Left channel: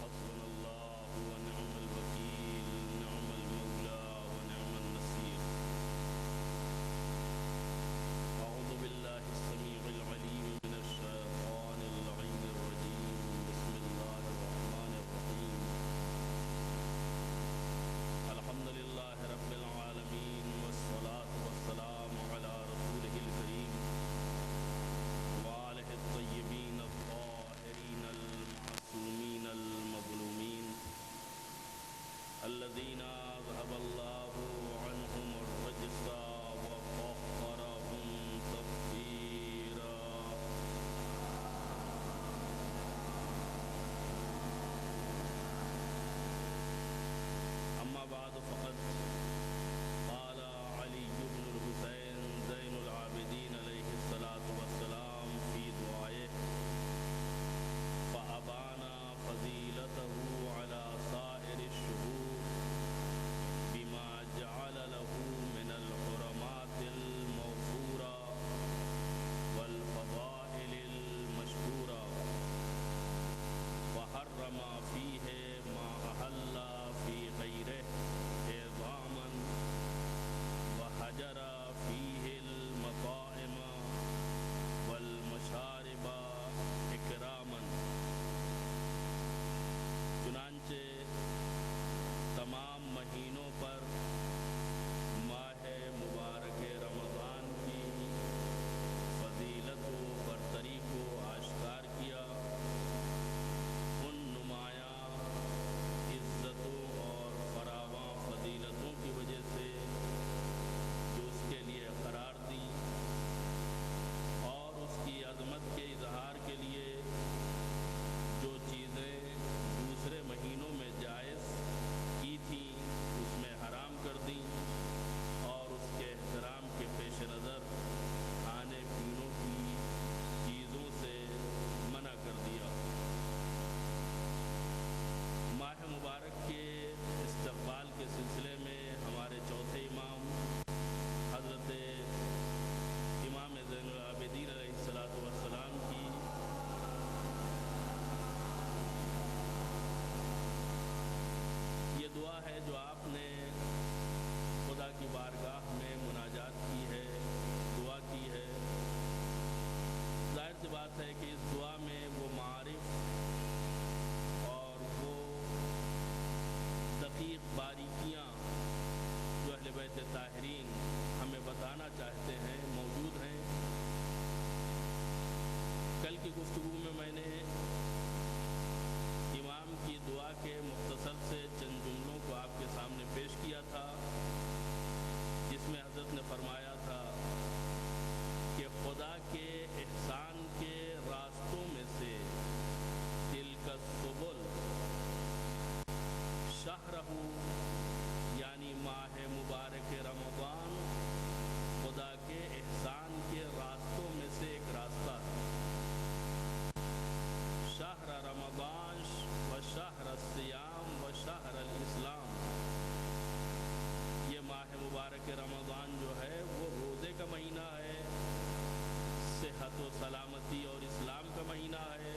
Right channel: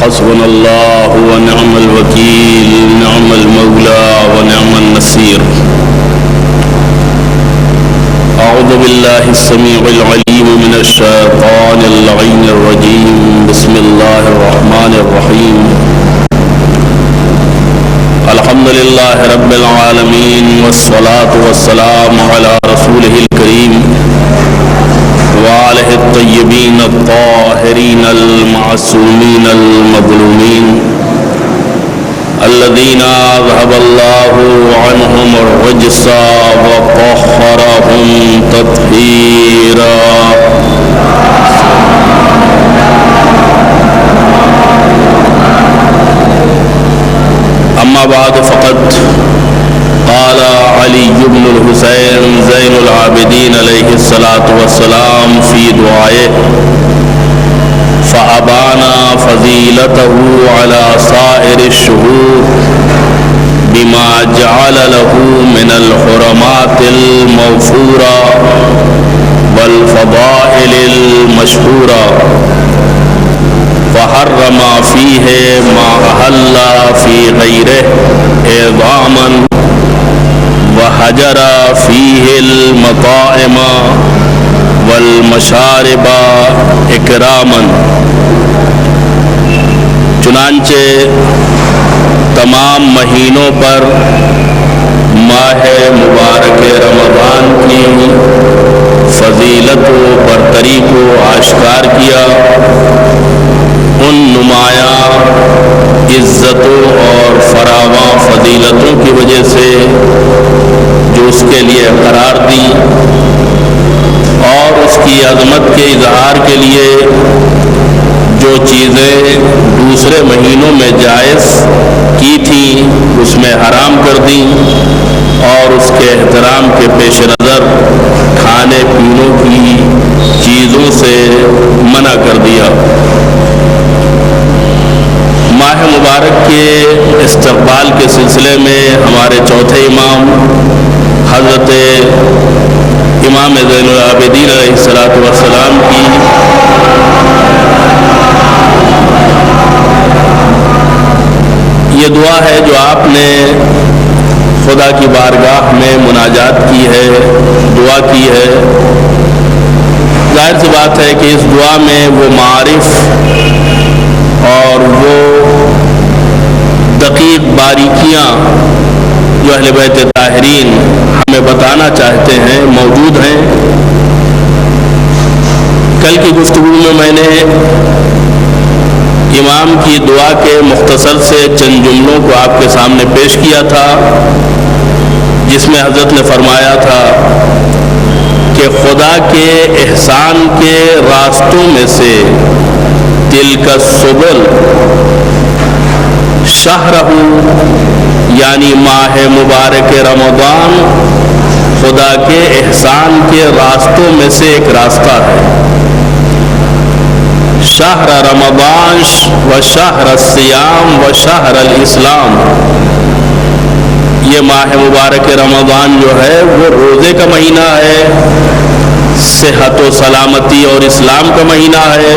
حسبنا الله ونعم الوكيل نعم المولى ونعم النصير. أعوذ بالله السميع العليم من الشيطان اللعين الرجيم. بسم الله الرحمن الرحيم. الحمد لله رب العالمين والصلاة والسلام على رسوله الكريم وآله الطيبين الطاهرين المعصومين المظلومين الذين أذهب الله عنهم الرجس وطهرهم تطهيرا. أما بعد فقد قال علي بن الحسين زين العابدين عليه الصلاة والسلام في دعائه: فأبانا فضيلته على سائر الشهور بما جعل له من الحرمات الموفورة والفضائل المشهورة، فحرم فيه ما أحل في غيره إعظاما، وحجر فيه المطاعم والمشارب اکراما. چنانچہ تمام مہینوں پر ماہ مبارک رمضان کی فضیلت و برتری کو آشکار کیا. ان نمایاں عزتوں اور فراواں فضیلتوں کی وجہ سے جو اس کے لیے قرار دی اور اس کی عظمت کے اظہار کے لیے جو چیزیں دوسرے مہینوں میں جائز کی تھیں اس میں حرام کر دیں اور اس کے احترام کے پیش نظر کھانے پینوں کی چیزوں سے منع کر دیا. ماہ مبارک کے استقبال کے سلسلے میں ہمارے چوتھے امام حضرت امام زین العابدین علیہ السلام کی یہ دعا ہے جو آپ نے خدا کی بارگاہ میں مناجات کی ہے، دعا کی ہے. ظاہر سی بات ہے کہ اس دعا میں وہ معارف اور وہ دقیق باریکیاں جو اہل بیت طاہرین ہمیں بتانا چاہتے ہیں موجود ہیں. کل کی گفتگو میں میں نے امام کی دعا کے مختصر سے چند جملوں کو آپ کے سامنے پیش کیا تھا، جس میں حضرت نے فرمایا تھا کہ خدا کے احسان کے راستوں میں سے تلک السبل شہرہ، یعنی ماہ مبارک رمضان خدا کے احسان کے راستوں میں سے ایک راستہ ہے. شہر رمضان و شہر الصیام و شہر الاسلام، یہ ماہ مبارک رمضان جو ہے وہ روزے کا مہینہ ہے، صحت و سلامتی اور اسلام کا مہینہ ہے.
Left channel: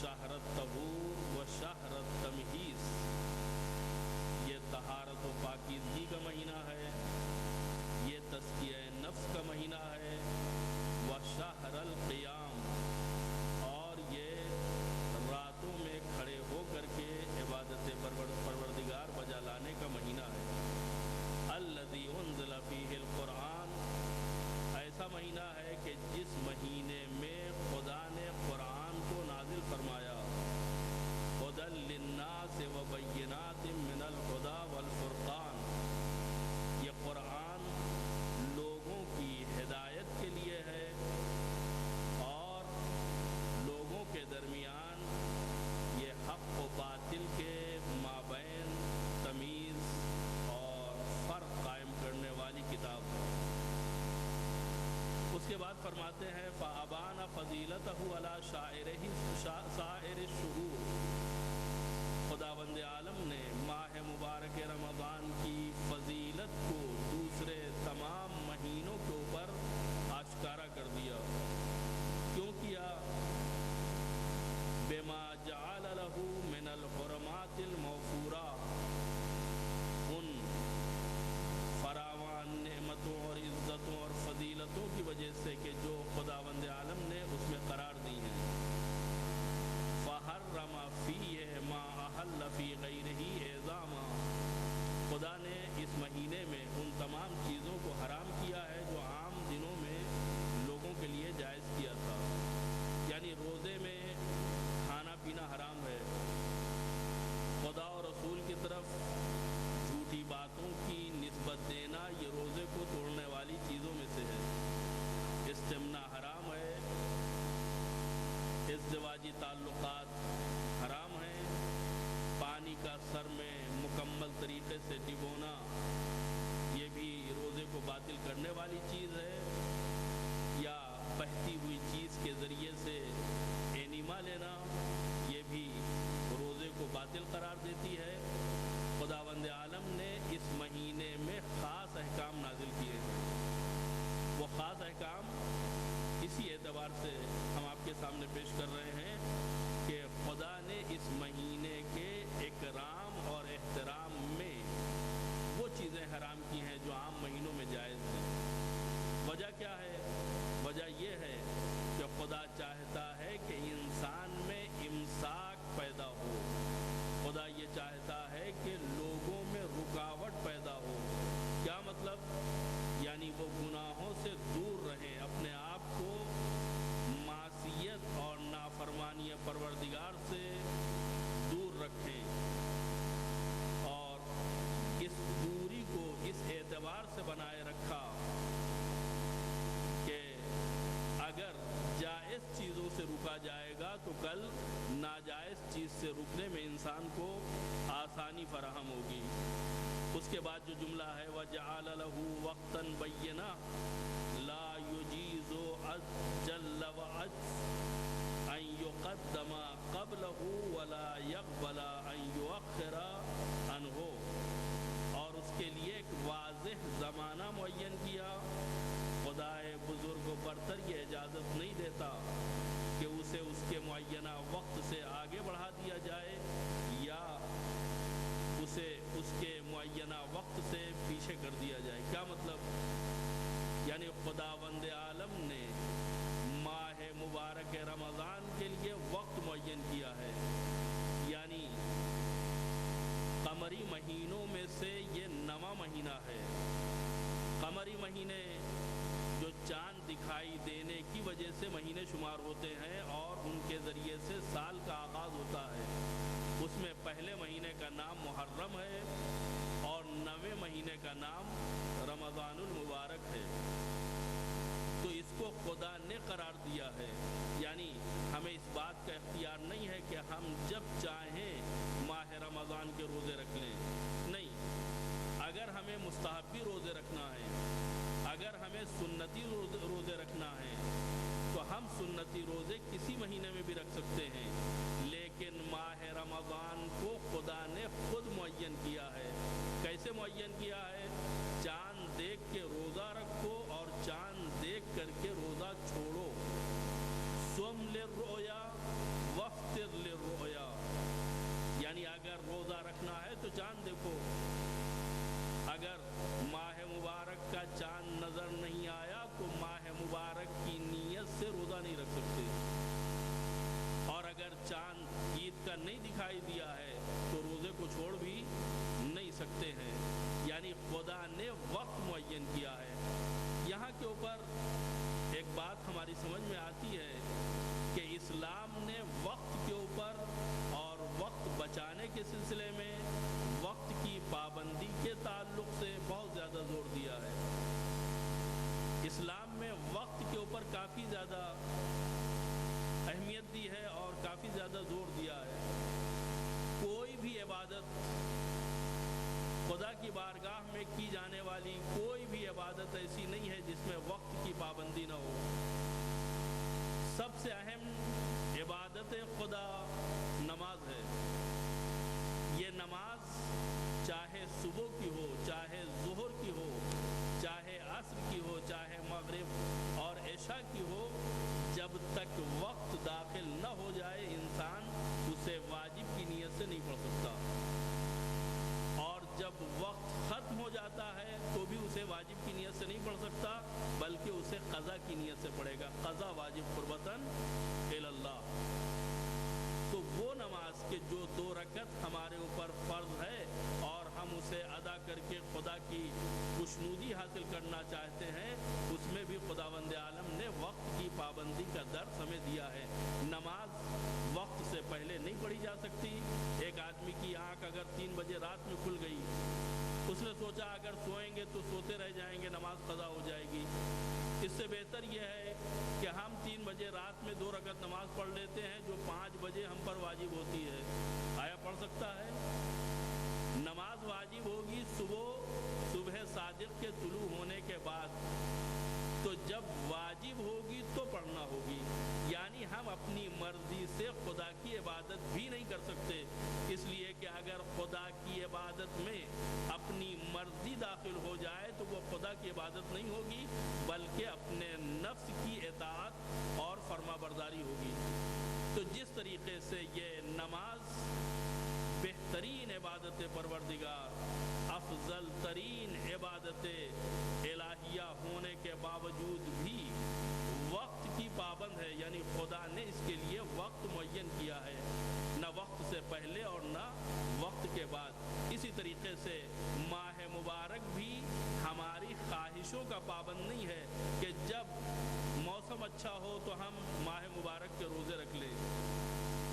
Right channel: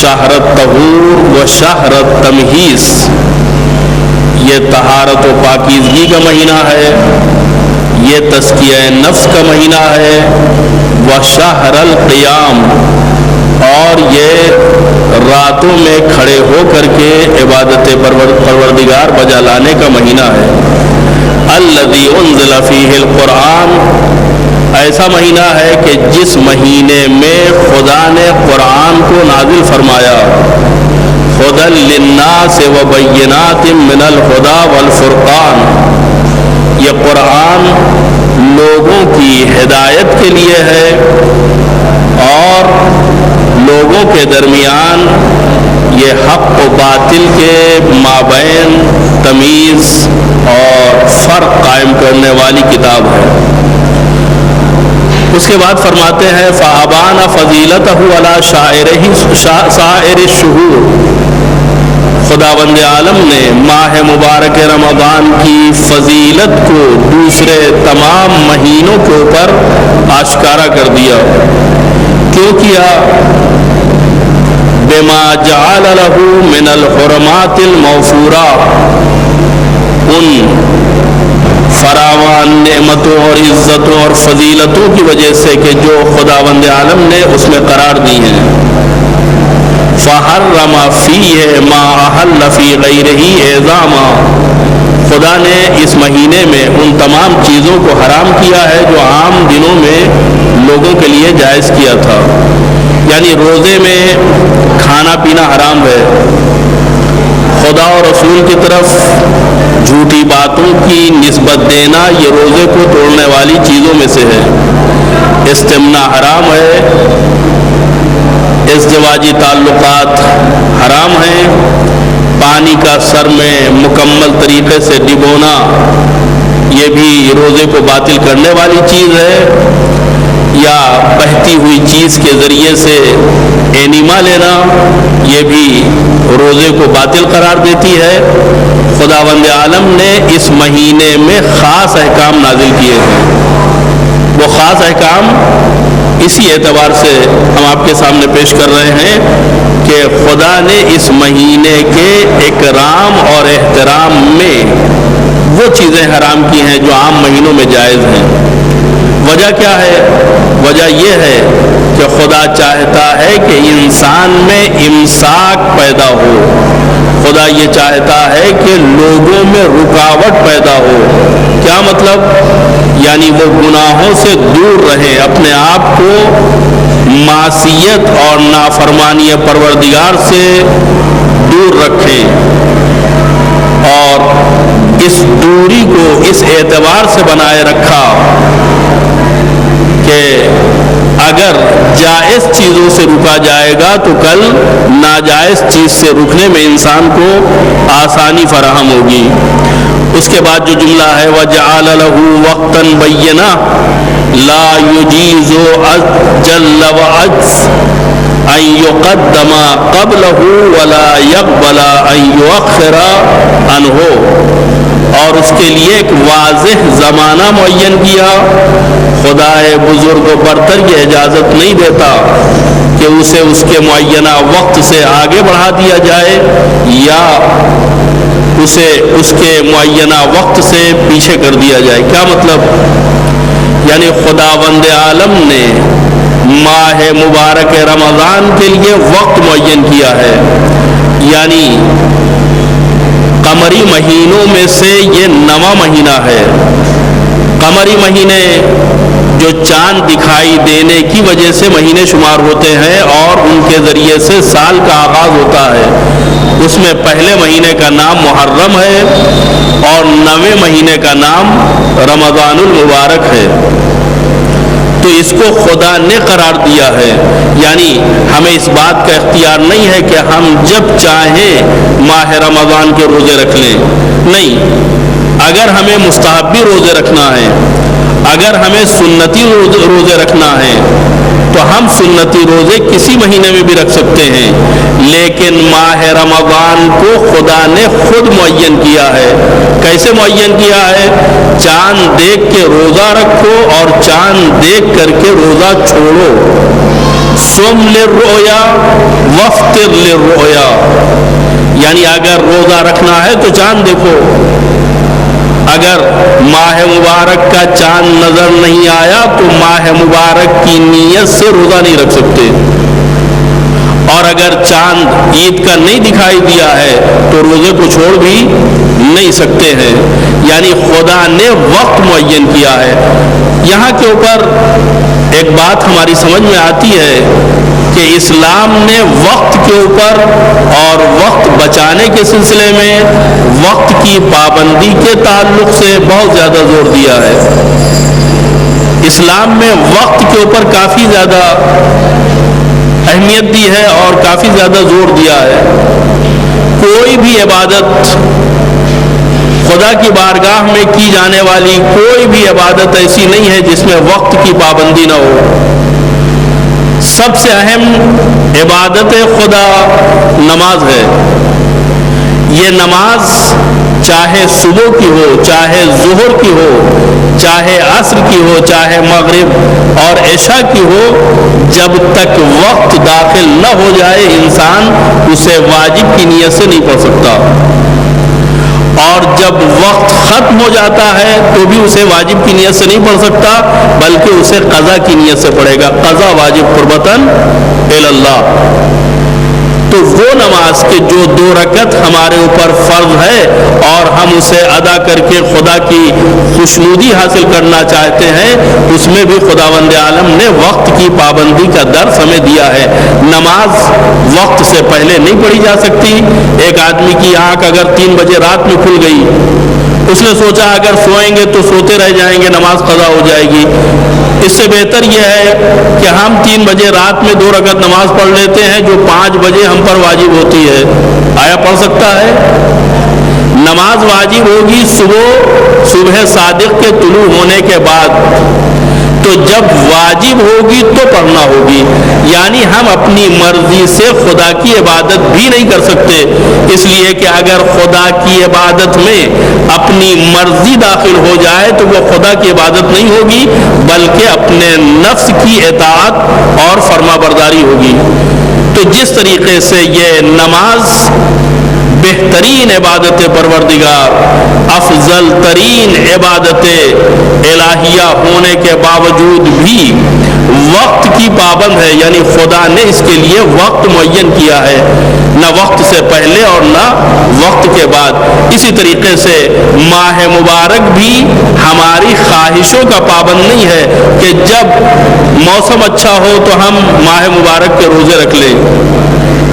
شہر الطہور و شہر التمہیز، یہ طہارت و پاکیزگی کا مہینہ ہے، یہ تزکیہ نفس کا مہینہ ہے. و شہر القیام، اور یہ راتوں میں کھڑے ہو کر کے عبادت پروردگار بجا لانے کا مہینہ ہے. الذی انزل فیہ القرآن، ایسا مہینہ ہے کہ جس مہینے میں خدا نے قرآن کو نازل فرمایا. ہدی للناس وبینات من الہدی والفرقان، یہ قرآن لوگوں کی ہدایت کے لیے ہے اور لوگوں کے درمیان یہ حق و باطل کے مابین تمیز اور فرق قائم کرنے والی کتاب ہے. اس کے بعد فرماتے ہیں فَأَبَانَ فَضِيلَتَهُ عَلَى سَائِرِ الشُّهُورِ، خداوند عالم نے ماہ مبارک رمضان کی فضیلت کو دوسرے تمام مہینوں کے اوپر آشکارا کر دیا. کیوں کیا؟ بما جعل له من الحرمات الموفورہ، ان فراوان نعمتوں اور عزتوں اور فضیلتوں کی وجہ سے کہ جو خداوند عالم نے اس میں قرار دی ہیں۔ فحرم فیہ ما احل فی غیرہ اعظاما، خدا نے اس مہینے میں ان تمام چیزوں کو حرام کیا ہے جو عام دنوں میں لوگوں کے لیے جائز کیا تھا۔ یعنی روزے میں کھانا پینا حرام ہے، خدا اور رسول کی طرف جھوٹی باتوں کی نسبت دینا یہ روزے کو توڑنے والی چیزوں میں سے ہے۔ استمنا حرام ہے، ازدواجی تعلقات حرام ہیں، پانی کا سر میں مکمل طریقے سے ڈبونا یہ بھی روزے کو باطل کرنے والی چیز ہے، یا بہتی ہوئی چیز کے ذریعے سے اینیما لینا یہ بھی روزے کو باطل قرار دیتی ہے۔ خداوند عالم نے اس مہینے میں خاص احکام نازل کیے ہیں، وہ خاص احکام اسی اعتبار سے ہم آپ کے سامنے پیش کر رہے ہیں کہ خدا نے اس مہینے کے اکرام اور احترام میں وہ چیزیں حرام کی ہیں جو عام مہینوں میں جائز ہیں۔ وجہ کیا ہے؟ وجہ یہ ہے کہ خدا چاہتا ہے کہ انسان میں امساک پیدا ہو، خدا یہ چاہتا ہے کہ لوگوں میں رکاوٹ پیدا ہو۔ کیا مطلب؟ یعنی وہ گناہوں سے دور رہیں، اپنے آپ کو معصیت اور نافرمانی پروردگار سے دور رکھیں، اور اس دوری کو اس اعتبار سے بنائے رکھا کہ اگر جائز چیزوں سے رکا جائے گا تو کل ناجائز چیز سے رکنے میں انسان کو آسانی فراہم ہوگی۔ اس کے بعد جو جملہ ہے وَجَعَلَ لَهُ وَقْتًا بَيِّنًا لَا يُجِيزُ أَجَلَّ وَعَجْزَ أَن يُقَدَّمَ قَبْلَهُ وَلَا يَقْبَلَ أَن يُؤَخِّرَ عَنْهُ، اور اس کے لیے ایک واضح زمانہ معین کیا۔ خدا بزرگ و برتر یہ اجازت نہیں دیتا کہ اسے اس کے معینہ وقت سے آگے بڑھا دیا جائے یا اسے اس کے معینہ وقت سے پیچھے کر دیا جائے۔ کیا مطلب؟ یعنی خداوند عالم نے ماہ مبارک رمضان کے لیے وقت معین کیا ہے، یعنی قمری مہینوں میں سے یہ 9واں مہینہ ہے۔ قمری مہینے جو چاند دکھائی دینے کی وجہ سے مہینے شمار ہوتے ہیں اور ان کے ذریعے سے سال کا آغاز ہوتا ہے، اس میں پہلے مہینے کا نام محرم ہے اور 9ویں مہینے کا نام رمضان المبارک ہے۔ تو اس کو خدا نے قرار دیا ہے، یعنی ہمیں اس بات کا اختیار نہیں ہے کہ ہم جب چاہیں ماہ رمضان کے روزے رکھ لیں، نہیں۔ اگر ہمیں مستحبی روزے رکھنا ہے، اگر ہمیں سنتی روزے رکھنا ہے تو ہم سنتی روزے کسی مہینے میں بھی رکھ سکتے ہیں، لیکن ماہ رمضان کو خدا نے خود معین کیا ہے۔ کیسے معین کیا ہے؟ چاند دیکھ کے روزہ رکھو اور چاند دیکھ کر کے روزہ چھوڑو۔ صم للرؤیا وافطر للرؤیا، یعنی اگر روزہ رکھنا ہے تو چاند دیکھو، اگر ماہ مبارک کا چاند نظر نہیں آیا تو ماہ مبارک کی نیت سے روزہ نہیں رکھ سکتے، اور اگر چاند عید کا نہیں دکھائی دیا ہے تو روزے کو چھوڑ بھی نہیں سکتے ہیں۔ یعنی خدا نے وقت معین کیا ہے۔ یہاں کے اوپر ایک بات ہماری سمجھ میں آتی ہے کہ اسلام نے وقت کے اوپر اور وقت بچانے کے سلسلے میں وقت کی پابندی کے تعلق سے بہت زیادہ زور دیا ہے۔ اسلام میں وقت کے اوپر کافی زیادہ اہمیت دی ہے اور کافی زیادہ زور دیا ہے۔ کوئی بھی عبادت خدا کی بارگاہ میں کی جانے والی کوئی بھی عبادت ایسی نہیں ہے جس میں وقت کی پابندی نہ ہو۔ سب سے اہم عبادت خدا نماز ہے۔ یہ نماز چاہے صبح کی ہو، چاہے ظہر کی ہو، چاہے عصر کی ہو چاہے مغرب اور عشاء کی ہو، جب تک وقت داخل نہ ہو جائے انسان اسے واجب کی نیت سے نہیں پڑھ سکتا، اور جب وقت ختم ہو جاتا ہے تو بھی اسے واجب کی نیت سے نہیں پڑھ سکتا بلکہ اسے قضا کی نیت سے پڑھے گا، قضا واجب قربتاً الی اللہ۔ تو وہ نماز کے جو 2 رکعت ہمارے اوپر فرض ہے اور ہم اسے ادا کر کے خدا کی خوشنودی حاصل کرنا چاہتے ہیں، اس میں بھی خداوند عالم نے وقت کی پابندی کا درس ہمیں دیا ہے۔ نماز وقت سے پہلے نہیں پڑھی جا سکتی۔ ایک آدمی کی آنکھ اگر 3 بجے رات میں کھل گئی، اس نے سوچا اگر سوئیں گے تو سوتے رہ جائیں گے، نماز قضا ہو جائے گی۔ اس سے بہتر یہ ہے کہ ہم 3 بجے رات میں 2 رکعت نماز پڑھ لیتے ہیں جو 5 بجے ہم پر واجب ہوتی ہے۔ آیا پڑھ سکتا ہے؟ نماز واجب ہوگی صبح صادق کے طلوع ہونے کے بعد، تو جب واجب ہوگی تو پڑھنا ہوگی، یعنی ہم اپنی مرضی سے خدا کی عبادت بھی نہیں کر سکتے، اس لیے کہ اگر خدا کی عبادت میں اپنی مرضی داخل ہو جائے تو وہ خدا کی عبادت نہیں ہوگی بلکہ اپنے نفس کی اطاعت اور فرما برداری ہوگی۔ تو جس طریقے سے یہ نماز بہترین عبادت پروردگار، افضل ترین عبادت الہیہ ہونے کے باوجود بھی وقت کی پابند ہے، یعنی خدا نے اس کے لیے وقت معین کیا ہے، نہ وقت سے پہلے اور نہ وقت کے بعد۔ اسی طریقے سے ماہ مبارک بھی ہماری خواہشوں کا پابند نہیں ہے کہ جب موسم اچھا ہو تو ہم ماہ مبارک کے روزے رکھ لیں،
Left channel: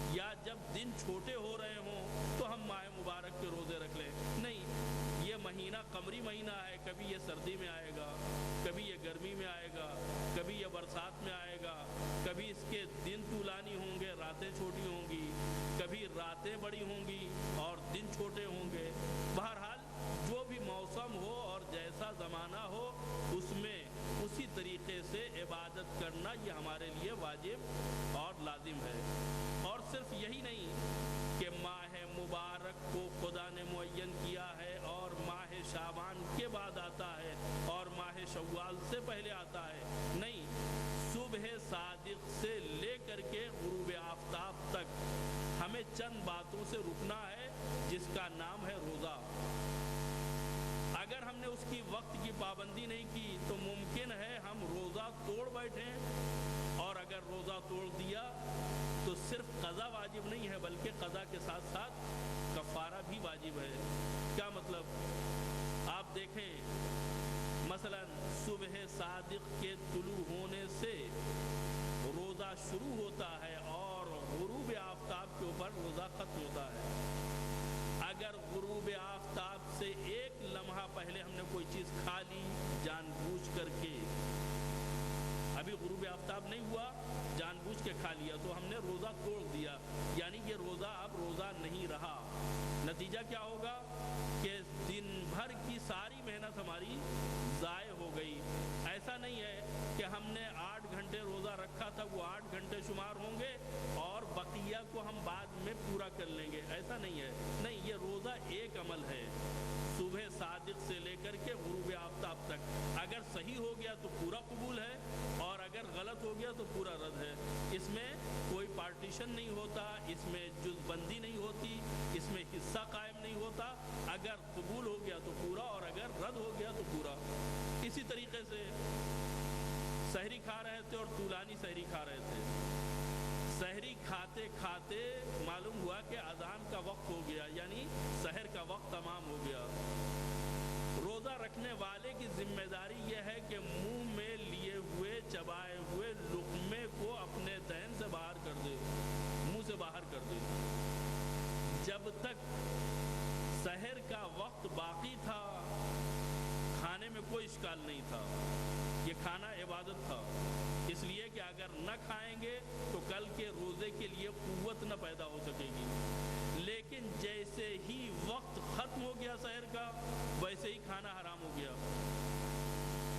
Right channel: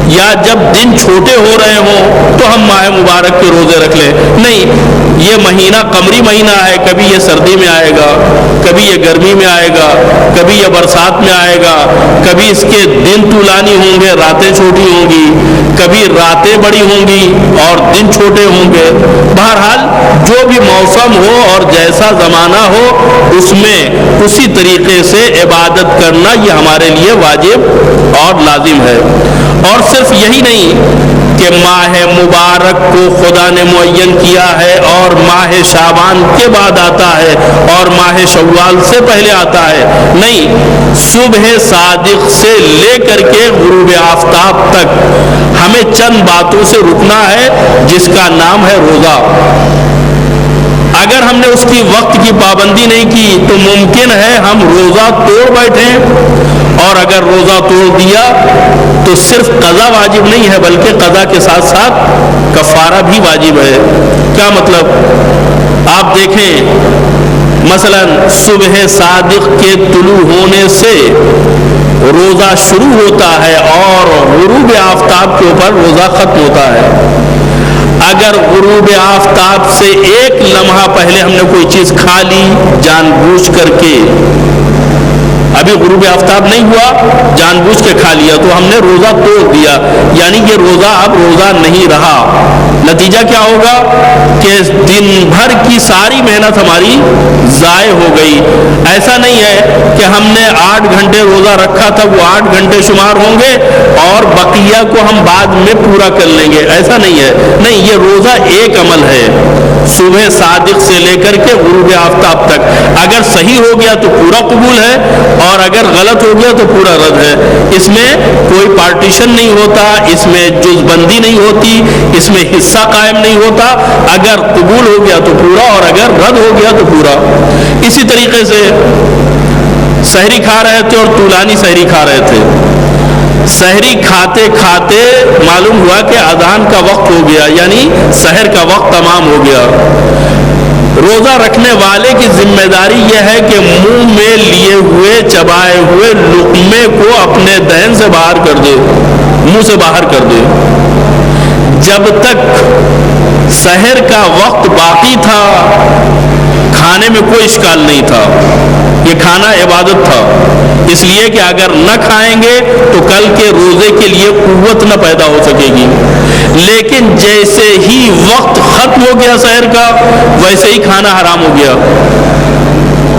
یا جب دن چھوٹے ہو رہے ہوں تو ہم ماہ مبارک کے روزے رکھ لیں۔ نہیں، یہ مہینہ قمری مہینہ ہے، کبھی یہ سردی میں آئے گا، کبھی یہ گرمی میں آئے گا، کبھی یہ برسات میں آئے گا، کبھی اس کے دن طولانی ہوں گے راتیں چھوٹی ہوں گی، کبھی راتیں بڑی ہوں گی اور دن چھوٹے ہوں گے۔ بہرحال جو بھی موسم ہو اور جیسا زمانہ ہو اس میں اسی طریقے سے عبادت کرنا یہ ہمارے لیے واجب اور لازم ہے۔ اور صرف یہی نہیں کہ ماہ مبارک کو خدا نے معین کیا ہے اور ماہ شعبان کے بعد آتا ہے اور ماہ شوال سے پہلے آتا ہے، نہیں، صبح صادق سے لے کر کے غروب آفتاب تک ہمیں چند باتوں سے رکنا ہے جس کا نام ہے روزہ۔ اگر ہم نے اس کی وقت کی پابندی نہیں کی تو ممکن ہے ہم روزہ توڑ بیٹھیں، اور اگر روزہ توڑ دیا تو صرف قضا واجب نہیں ہے بلکہ قضا کے ساتھ ساتھ کفارہ بھی واجب ہے۔ کیا مطلب؟ آپ دیکھیں مثلا صبح صادق کے طلوع ہونے سے روزہ شروع ہوتا ہے اور غروب آفتاب کے اوپر روزہ ختم ہوتا ہے۔ اگر غروب آفتاب سے 1 لمحہ پہلے ہم نے کوئی چیز کھا لی جان بوجھ کر کے، ابھی غروب آفتاب نہیں ہوا، جان بوجھ کے کھا لیا تو ہم نے روزہ توڑ دیا، یعنی کہ روزہ اب روزہ نہیں رہا۔ نتیجہ کیا ہوگا کہ دن بھر کی ساری محنت ہماری ضائع ہو گئی۔ ایسا نہیں ہے کہ ہم نے 8 گھنٹے روزہ رکھا تھا، وہ 8 گھنٹے شمار ہوں گے اور بقیہ کو ہم بعد میں پورا کر لیں گے، ایسا نہیں ہے۔ نہیں، یہ روزہ ایک عمل ہے، صبح صادق سے لے کر کے غروب آفتاب تک۔ اگر صحیح ہو گیا تو پورا قبول ہے اور اگر غلط ہو گیا تو پورا رد ہے۔ اس میں کوئی پارٹیشن نہیں ہوتا، اس میں جز بندی نہیں ہوتی، اس میں حصہ قائم نہیں ہوتا۔ اگر قبول ہو گیا تو پورا اور اگر رد ہو گیا تو پورا۔ اسی طریقے سے سحری کھا رہے تھے اور طولانی سحری کھا رہے تھے، سحری کھاتے کھاتے معلوم ہوا کہ اذان کا وقت ہو گیا، یعنی سحر کا وقت تمام ہو گیا۔ روزہ رکھنے والے کی ذمہ داری یہ ہے کہ منہ میں لیے ہوئے چبائے ہوئے لقمے کو اپنے دہن سے باہر کر دے، منہ سے باہر کر دے۔ جب تک سحر کا وقت باقی تھا کھانے میں کوئی اشکال نہیں تھا، یہ کھانا عبادت تھا، اس لیے کہ اگر نہ کھائیں گے تو کل کے روزے کے لیے قوت نہ پیدا ہو سکے گی۔ لیکن جیسے ہی وقت ختم ہو گیا سحر کا، ویسے ہی کھانا حرام ہو گیا۔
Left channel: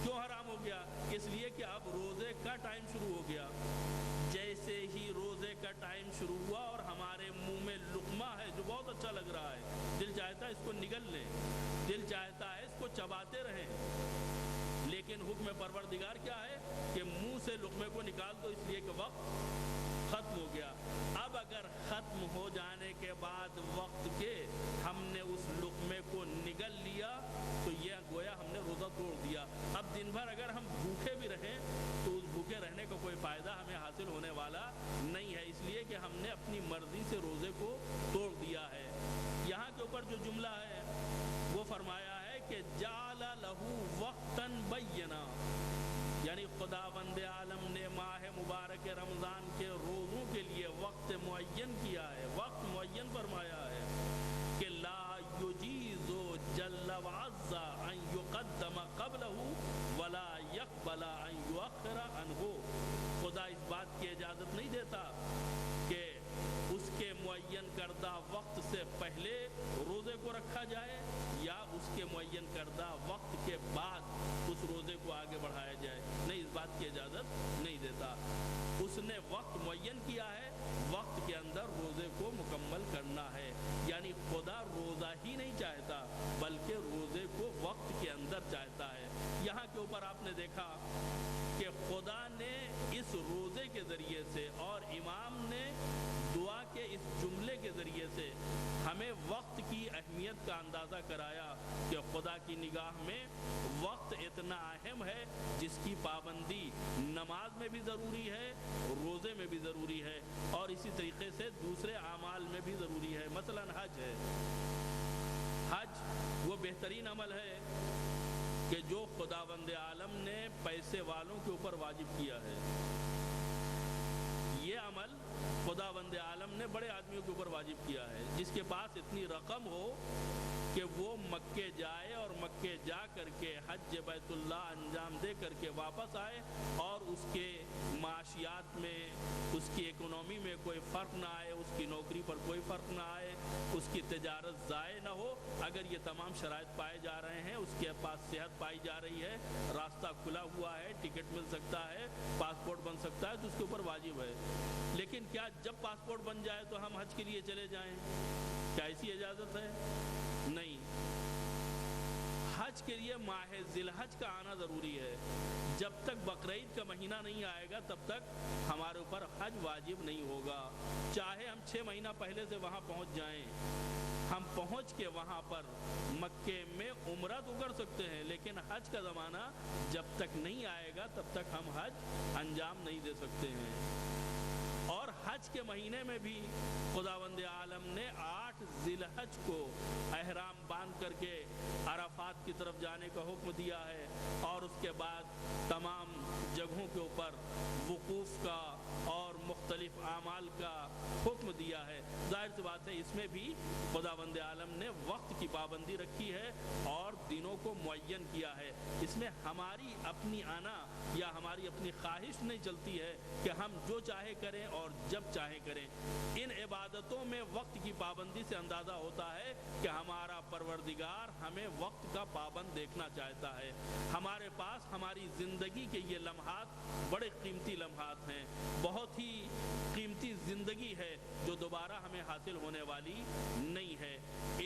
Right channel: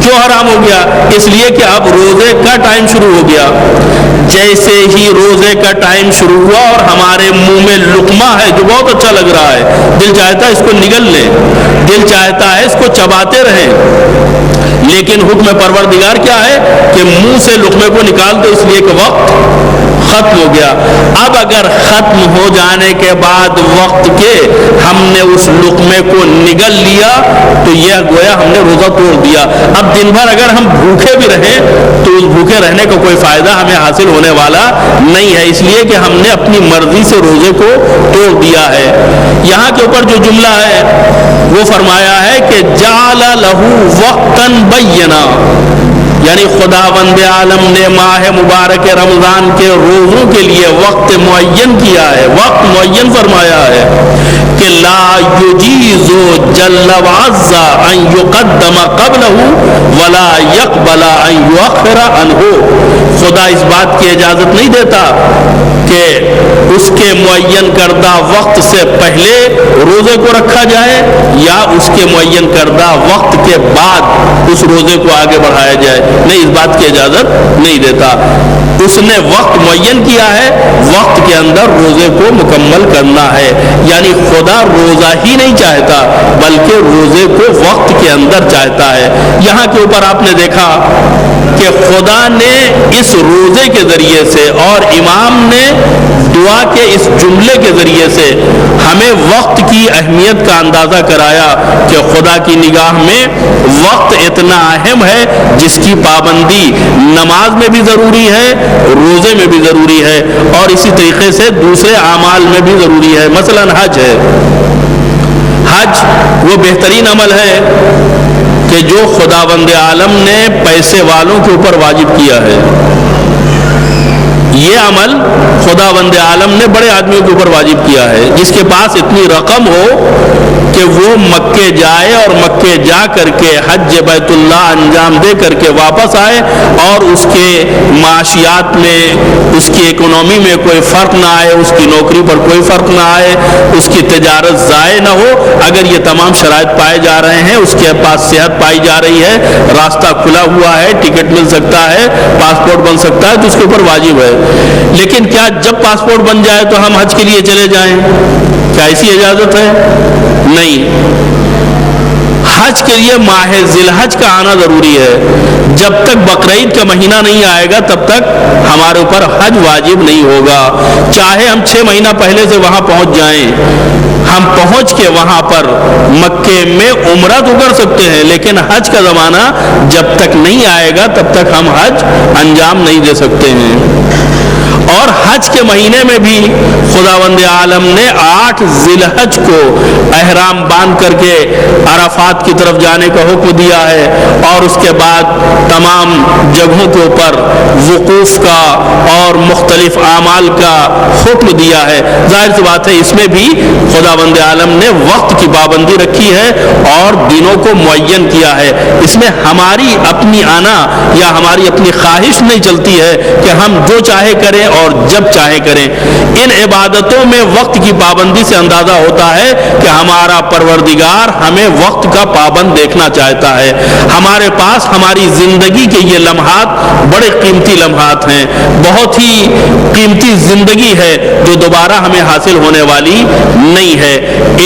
کیوں حرام ہو گیا؟ اس لیے کہ اب روزے کا ٹائم شروع ہو گیا۔ جیسے ہی روزے کا ٹائم شروع ہوا اور ہمارے منہ میں لقمہ لقمہ ہے جو بہت اچھا لگ رہا ہے، دل چاہتا ہے اس کو نگل لیں، دل چاہتا ہے اس کو چباتے رہیں، لیکن حکم پروردگار کیا ہے کہ منہ سے لقمے کو نکال دو، اس لیے کہ وقت ختم ہو گیا۔ اب اگر ختم ہو جانے کے بعد وقت کے ہم نے اس لقمے کو نگل لیا تو یہ گویا ہم نے روزہ توڑ دیا۔ اب دن بھر اگر ہم بھوکے بھی رہیں تو اس بھوکے رہنے کا کوئی فائدہ ہمیں حاصل ہونے والا نہیں ہے، اس لیے کہ ہم نے اپنی مرضی سے روزے کو توڑ دیا ہے۔ یہاں کے اوپر جو جملہ ہے وہ فرمایا ہے کہ جعل لہ وقتا بینا، یعنی خداوند عالم نے ماہ مبارک رمضان کے روزوں کے لیے وقت معین کیا ہے، وقت معین فرمایا ہے کہ لا یجیز جل وعز ان یقدم قبلہ ولا یقبل ان یؤخر عنہ۔ خدا اس بات کی اجازت نہیں دیتا کہ اس کے معین کردہ وقت سے پہلے روزے کو رکھا جائے یا اس کے معین کردہ وقت کے بعد اس روزے کو آگے بڑھایا جائے، نہیں، اس بات کی اجازت نہیں دیتا۔ اس نے وقت معین کیا ہے، وقت کے اندر روزے کو مکمل کرنا ہے، یعنی خدا روزہ ہی نہیں چاہتا بلکہ روزے کو وقت کے اندر چاہتا ہے۔ یہاں کے اوپر آپ نے دیکھا کہ خدا نے اس روزے کے ذریعے سے اور امام نے دعا کے اس جملے کے ذریعے سے ہمیں وقت کی اہمیت کا اندازہ کرایا کہ خدا کی نگاہ میں وقت اتنا اہم ہے جس کی پابندی نماز میں بھی ضروری ہے، روزے میں بھی ضروری ہے، اور اسی طریقے سے دوسرے اعمال میں بھی ضروری ہے۔ مثلا حج ہے، حج وہ بہترین عمل ہے کہ جو خداوند عالم نے پیسے والوں کے اوپر واجب کیا ہے۔ یہ عمل خداوند عالم نے بڑے آدمیوں کے اوپر واجب کیا ہے، جس کے پاس اتنی رقم ہو کہ وہ مکے جائے اور مکے جا کر کے حج بیت اللہ انجام دے کر کے واپس آئے اور اس کے معاشیات میں، اس کی اکنومی میں کوئی فرق نہ آئے، اس کی نوکری پر کوئی فرق نہ آئے، اس کی تجارت ضائع نہ ہو۔ اگر یہ تمام شرائط پائے جا رہے ہیں، اس کے پاس صحت پائی جا رہی ہے، راستہ کھلا ہوا ہے، ٹکٹ مل سکتا ہے، پاسپورٹ بن سکتا ہے، تو اس کے اوپر واجب ہے۔ لیکن کیا جب پاسپورٹ بن جائے تو ہم حج کے لیے چلے جائیں؟ کیا ایسی اجازت ہے؟ نہیں۔ حج کے لیے ماہ ذی الحج کا آنا ضروری ہے۔ جب تک بقرعید کا مہینہ نہیں آئے گا تب تک ہمارے اوپر حج واجب نہیں ہوگا، چاہے ہم 6 مہینہ پہلے سے وہاں پہنچ جائیں۔ ہم پہنچ کے وہاں پر مکے میں عمرہ تو کر سکتے ہیں، لیکن حج کا زمانہ جب تک نہیں آئے گا تب تک ہم حج انجام نہیں دے سکتے ہیں۔ اور حج کے مہینے میں بھی خداوند عالم نے 8 ذی الحج کو احرام باندھ کر کے عرفات کی طرف جانے کا حکم دیا ہے، اور اس کے بعد تمام جگہوں کے اوپر وقوف کا اور مختلف اعمال کا حکم دیا ہے۔ ظاہر سی بات ہے اس میں بھی خداوند عالم نے وقت کی پابندی رکھی ہے اور دنوں کو معین کیا ہے۔ اس میں ہماری اپنی آنا یا ہماری اپنی خواہش نہیں چلتی ہے کہ ہم جو چاہے کریں اور جب چاہے کریں۔ ان عبادتوں میں وقت کی پابندی سے اندازہ ہوتا ہے کہ ہمارا پروردگار ہمیں وقت کا پابند دیکھنا چاہتا ہے۔ ہمارے پاس ہماری زندگی کے یہ لمحات بڑے قیمتی لمحات ہیں، بہت ہی قیمتی زندگی ہے جو دوبارہ ہمیں حاصل ہونے والی نہیں ہے۔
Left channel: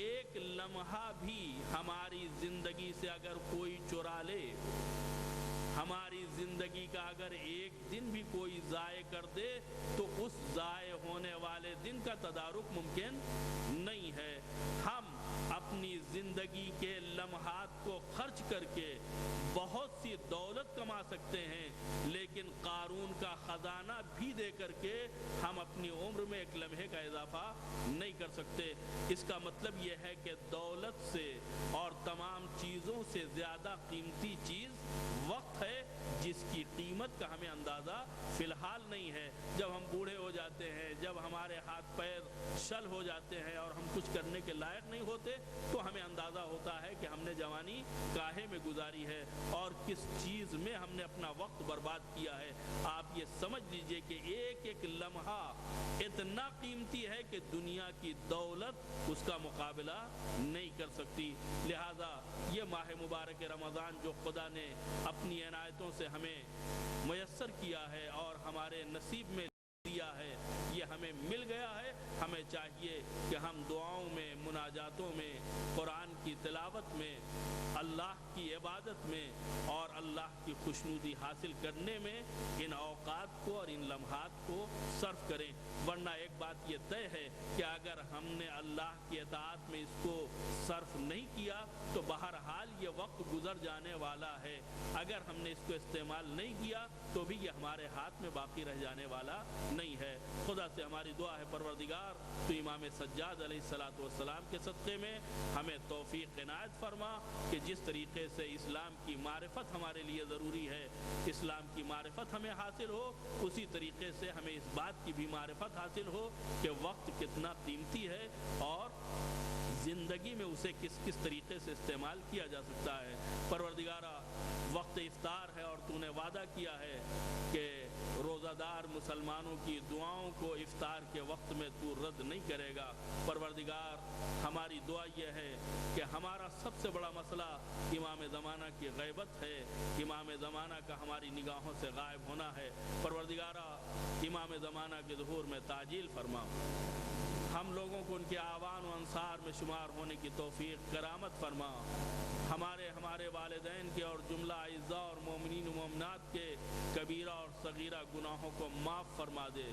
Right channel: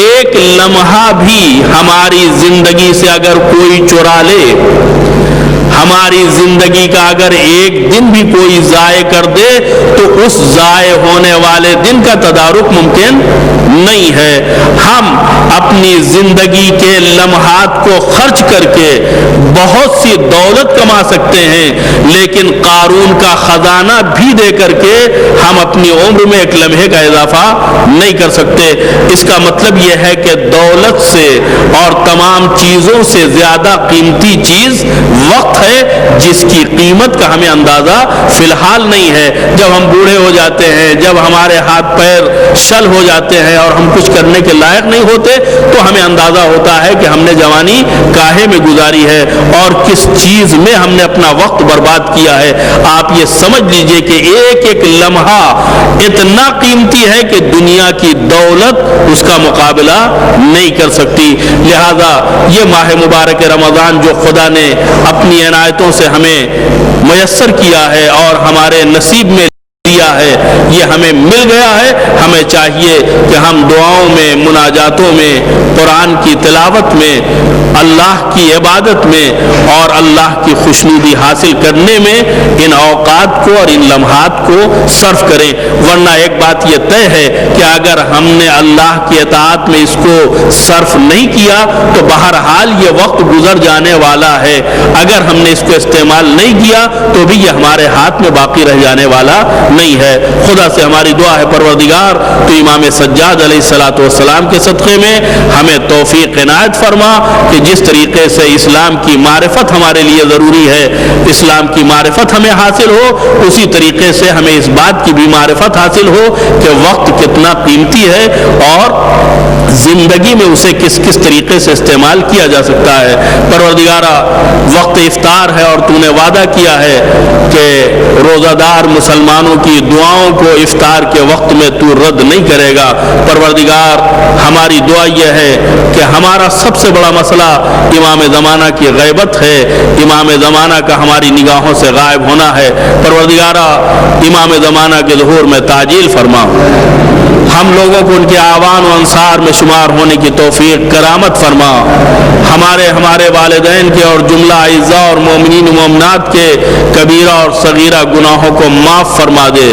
ایک لمحہ بھی ہماری زندگی سے اگر کوئی چرا لے، ہماری زندگی کا اگر ایک دن بھی کوئی ضائع کر دے تو اس ضائع ہونے والے دن کا تدارک ممکن نہیں ہے۔ ہم اپنی زندگی کے لمحات کو خرچ کر کے بہت سی دولت کما سکتے ہیں، لیکن قارون کا خزانہ بھی دے کر کے ہم اپنی عمر میں ایک لمحے کا اضافہ نہیں کر سکتے۔ اس کا مطلب یہ ہے کہ دولت سے اور تمام چیزوں سے زیادہ قیمتی چیز وقت ہے، جس کی قیمت کا ہمیں اندازہ فی الحال نہیں ہے۔ جب ہم بوڑھے ہو جاتے ہیں، جب ہمارے ہاتھ پیر شل ہو جاتے ہیں اور ہم کچھ کرنے کے لائق نہیں ہوتے تو ہمیں اندازہ ہوتا ہے کہ ہم نے جوانی کاہے میں گزاری ہے اور کس چیز میں ہم نے اپنا وقت برباد کیا ہے۔ آپ یہ سمجھ لیجئے کہ ایک ایک لمحہ اتنا قیمتی ہے کہ دنیا کی دولت اس کا مقابلہ نہیں کر سکتی۔ لہذا یہ ماہ مبارک رمضان جو خدا نے اپنی عنایتوں سے ہمیں میسر کیا ہے اور ہمارے نصیب میں دیا ہے، یہ ہمیں مل گیا ہے. ہمیں چاہیے کہ ہم دعاؤں میں، مناجاتوں میں، قرآن کی تلاوت میں، اللہ کی عبادت میں اور اللہ کی خوشنودی حاصل کرنے میں ان اوقات کو اور ان لمحات کو صرف کریں. ورنہ ایک بات یہ طے ہے کہ اگر ہم نے اللہ کی اطاعت میں اس کو صرف نہیں کیا تو بہرحال یہ وقت گزر جانے والا ہے. اگر ہم نے اس کو استعمال نہیں کیا تو بھی یہ ہمارے ہاتھ میں باقی رہ جانے والا نہیں ہے. خدا سے ہماری دعا ہے پروردگار تو امام سجاد علیہ السلام کے صدقے میں ہمیں توفیق عنایت فرما کہ جس طریقے سے اسلام کی معرفت ہمارے لیے ضروری ہے، اسلام کی معرفت ہمیں حاصل ہو، اسی طریقے سے ہمیں اس بات کی بھی معرفت حاصل ہو کہ وقت کتنا قیمتی ہے اور زندگی میں اسے کس کس طریقے سے استعمال کیا جا سکتا ہے. پروردگارا وقت افطار ہے اور تو نے وعدہ کیا ہے کہ روزہ دار مسلمانوں کی دعاؤں کو افطار کے وقت میں تو رد نہیں کرے گا. پروردگار ہماری دعا یہ ہے کہ ہمارا سب سے بڑا مسئلہ امام زمانہ کی غیبت ہے، امام زمانہ کا ہماری نگاہوں سے غائب ہونا ہے. پروردگارا امام زمانہ کے ظہور میں تعجیل فرما، ہم لوگوں کو ان کے آوان و انصار میں شمار ہونے کی توفیق کرامت فرما. ہمارے والدین کے اور جملہ اعزاء اور مومنین و مومنات کے کبیرہ اور صغیرہ گناہوں کو معاف فرما دے.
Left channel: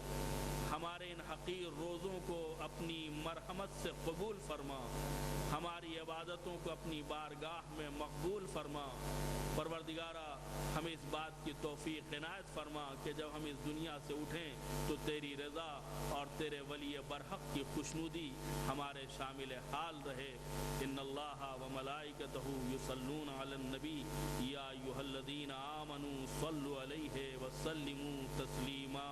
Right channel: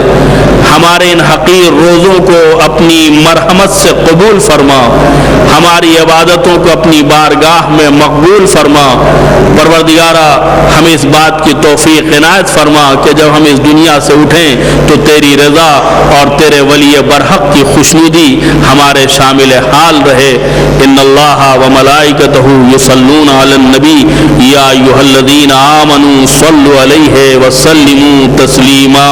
ہمارے ان حقیر روزوں کو اپنی مرحمت سے قبول فرما، ہماری عبادتوں کو اپنی بارگاہ میں مقبول فرما. پروردگارا ہمیں اس بات کی توفیق عنایت فرما کہ جب ہم اس دنیا سے اٹھیں تو تیری رضا اور تیرے ولی برحق کی خوشنودی ہمارے شامل حال رہے. ان اللہ و ملائکتہ یصلون علی النبی یا ایھا الذین آمنوا صلوا علیہ وسلموا تسلیما.